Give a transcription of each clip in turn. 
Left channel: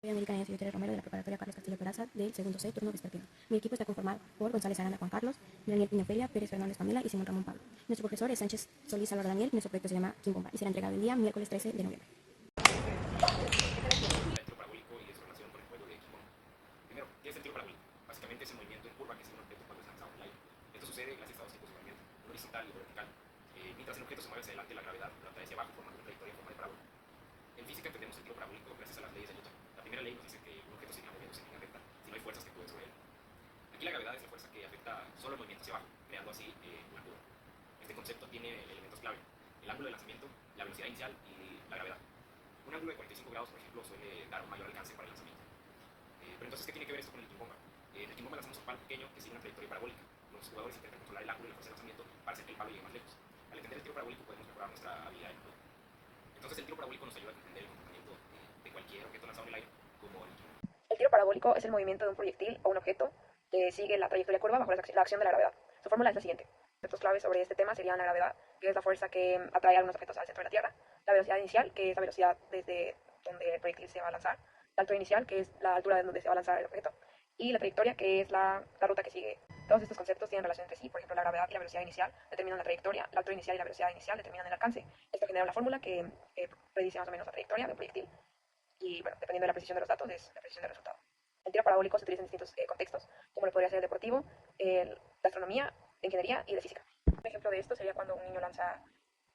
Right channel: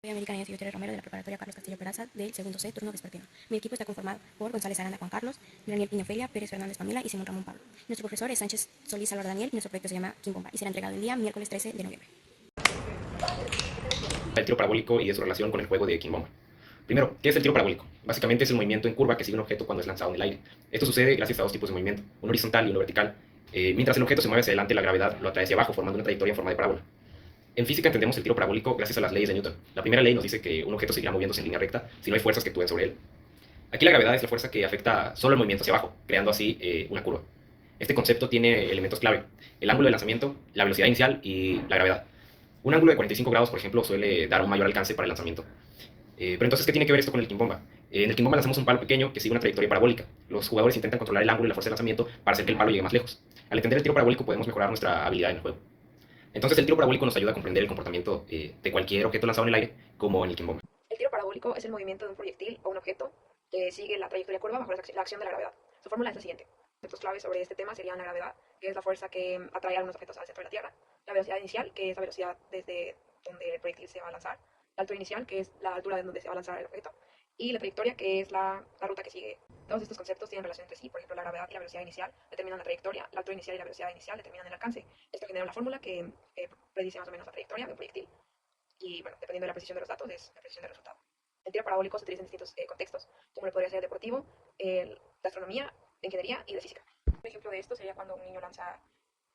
Soy América Nancy Gutiérrez Romero de la Preparatoria Carlos Castillo Peraza del segundo C, turno vespertino. Mi equipo está conformado por González Aranda Juan Carlos, Daniel Piña Ofelia, Pérez Fernández Pamela y Simón Ramón Pablo. Nuestro profesor es Sánchez Solís Álvaro Daniel y nuestro proyecto se llama Quimbomba y será entregado el día miércoles 13 de noviembre. El tiro parabólico y de su relación con el juego de Quimbomba. Primero, ¿qué es el tiro parabólico? Básicamente es el movimiento en curva que sigue un objeto cuando es lanzado en el aire. Esto sucede gracias a dos tipos de movimiento, uno horizontal y uno vertical. Mientras el objeto se mueve hacia adelante, la gravedad lo atrae hacia abajo, formando una trayectoria en forma de parábola. En física entendemos el tiro parabólico gracias a las leyes de Newton. La primera ley nos dice que un objeto seguirá moviéndose en línea recta si no hay fuerzas que actúen sobre él. Aquí la gravedad es la fuerza que afecta solo el movimiento hacia abajo, creando así una curva. Este concepto tiene elementos clave: el ángulo de lanzamiento, la velocidad inicial y la gravedad. Un ángulo de 45 grados, por ejemplo, suele dar un mayor alcance para el lanzamiento. Pero entonces, ¿qué tiene que ver esto con el Quimbomba? En el Quimbomba lanzamos un palo pequeño que sigue una trayectoria parabólica. Los jugadores intentan controlar el ángulo y la fuerza de lanzamiento para hacer que el palo llegue más lejos. Al entender el tiro parabólico podemos mejorar nuestra habilidad en el juego. Entonces el tiro parabólico nos ayuda a comprender el comportamiento de cualquier objeto lanzado en el aire, como en el Quimbomba. El tiro parabólico es el movimiento de un proyectil o un objeto que sigue la trayectoria curva bajo la acción de la gravedad. Su fórmula es la siguiente. Conceptos claves sobre este tema serían la gravedad, que es la fuerza que atrae a algunos objetos al centro de la Tierra; la velocidad inicial, que es la velocidad desde donde el proyectil se va a lanzar; la altura inicial, que es la altura de donde se va a lanzar el objeto; y la trayectoria, que es la ruta que sigue. Todos estos conceptos tienen relación entre sí. Por ejemplo, la gravedad y la velocidad inicial determinan la trayectoria, la altura inicial y la velocidad inicial determinan el alcance. Esto genera una fórmula que predice más o menos la trayectoria de un proyectil. Y bueno, dependiendo de la precisión de los datos, es la precisión del resultado. El tiro parabólico se utiliza en distintos contextos, como lo podría ser deportivo, de astronomía, de ingeniería y de física. Un ejemplo de esto sería cuando un niño lanza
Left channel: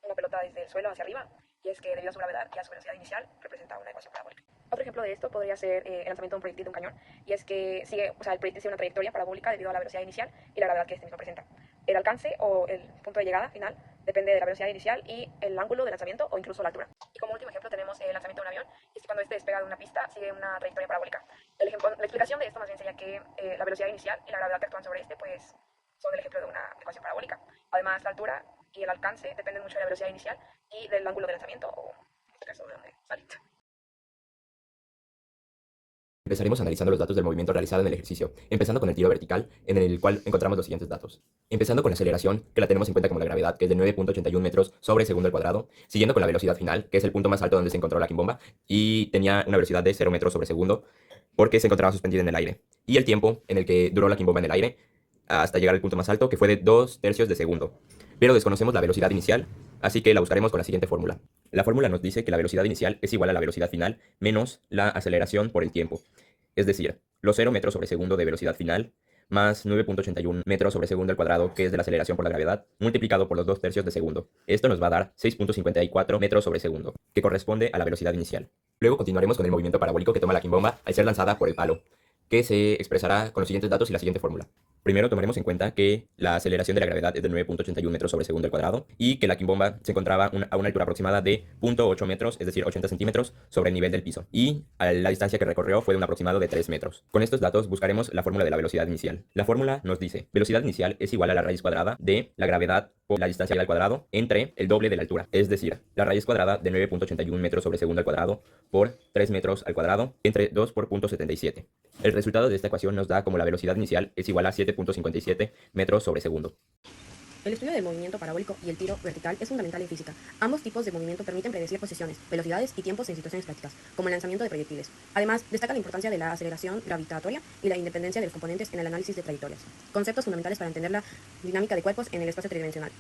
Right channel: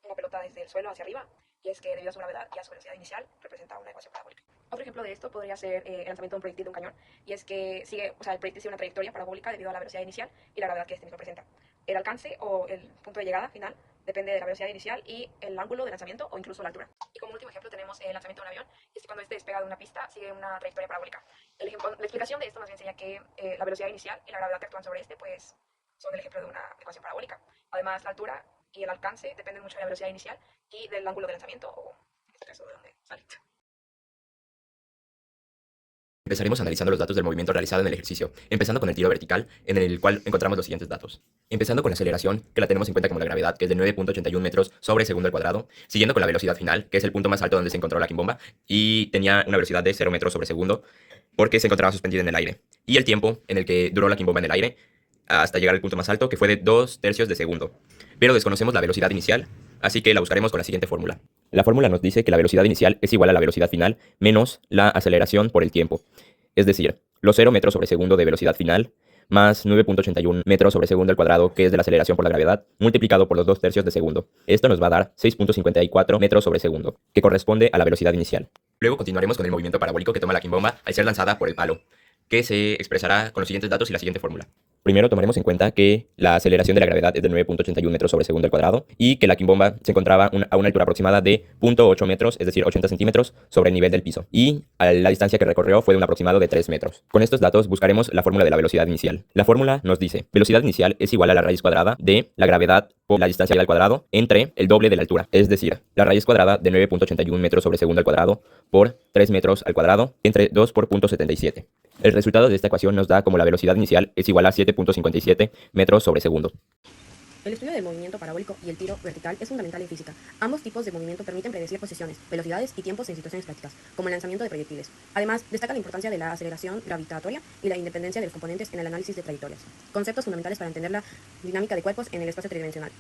una pelota desde el suelo hacia arriba, y es que debido a su gravedad y a su velocidad inicial representa una ecuación parabólica. Otro ejemplo de esto podría ser el lanzamiento de un proyectil de un cañón, y es que el proyectil sigue una trayectoria parabólica debido a la velocidad inicial y la gravedad que este mismo presenta. El alcance o el punto de llegada final depende de la velocidad inicial y el ángulo de lanzamiento o incluso la altura. Y como último ejemplo tenemos el lanzamiento de un avión, y es que cuando este despega de una pista sigue una trayectoria parabólica. La explicación de esto más bien sería que la velocidad inicial y la gravedad que actúan sobre este pues son el ejemplo de una ecuación parabólica. Además, la altura y el alcance dependen mucho de la velocidad inicial y del ángulo de lanzamiento, o en este caso de donde sale. Empezaremos analizando los datos del movimiento realizado en el ejercicio, empezando con el tiro vertical, en el cual encontramos los siguientes datos. Empezando con la aceleración, que la tenemos en cuenta como la gravedad, que es de 9.81 metros sobre segundo al cuadrado, siguiendo con la velocidad final, que es el punto más alto donde se encontró la Quimbomba, y tenía una velocidad de 0 metros sobre segundo, porque se encontraba suspendida en el aire. Y el tiempo en el que duró la Quimbomba en el aire, hasta llegar al punto más alto, que fue de 2/3 de segundo. Pero desconocemos la velocidad inicial, así que la buscaremos con la siguiente fórmula. La fórmula nos dice que la velocidad inicial es igual a la velocidad final menos la aceleración por el tiempo. Es decir, los 0 metros sobre segundo de velocidad final más 9.81 metros sobre segundo al cuadrado, que es de la aceleración por la gravedad, multiplicado por los 2/3 de segundo. Esto nos va a dar 6.54 metros sobre segundo, que corresponde a la velocidad inicial. Luego continuaremos con el movimiento parabólico que toma la Quimbomba al ser lanzada por el palo, que se expresará con los siguientes datos y la siguiente fórmula. Primero tomaremos en cuenta que la aceleración de la gravedad es de 9.81 metros sobre segundo al cuadrado y que la Quimbomba se encontraba a una altura aproximada de 0.8 metros, es decir, 80 centímetros sobre el nivel del piso. Y la distancia que recorrió fue de un aproximado de 3 metros. Con estos datos buscaremos la fórmula de la velocidad inicial. La fórmula nos dice: velocidad inicial es igual a la raíz cuadrada de la gravedad por la distancia al cuadrado entre el doble de la altura. Es decir, la raíz cuadrada de 9.81 metros sobre segundo al cuadrado por 3 metros al cuadrado entre 2 por 0.77. El resultado de esta ecuación nos da como la velocidad inicial es igual a 7.57 metros sobre segundo. El estudio del movimiento parabólico y el tiro vertical es fundamental en física. Ambos tipos de movimiento permiten predecir posiciones, velocidades y tiempos en situaciones prácticas, como el lanzamiento de proyectiles. Además, destaca la importancia de la aceleración gravitatoria y la independencia de los componentes en el análisis de trayectorias, conceptos fundamentales para entender la dinámica de cuerpos en el espacio tridimensional.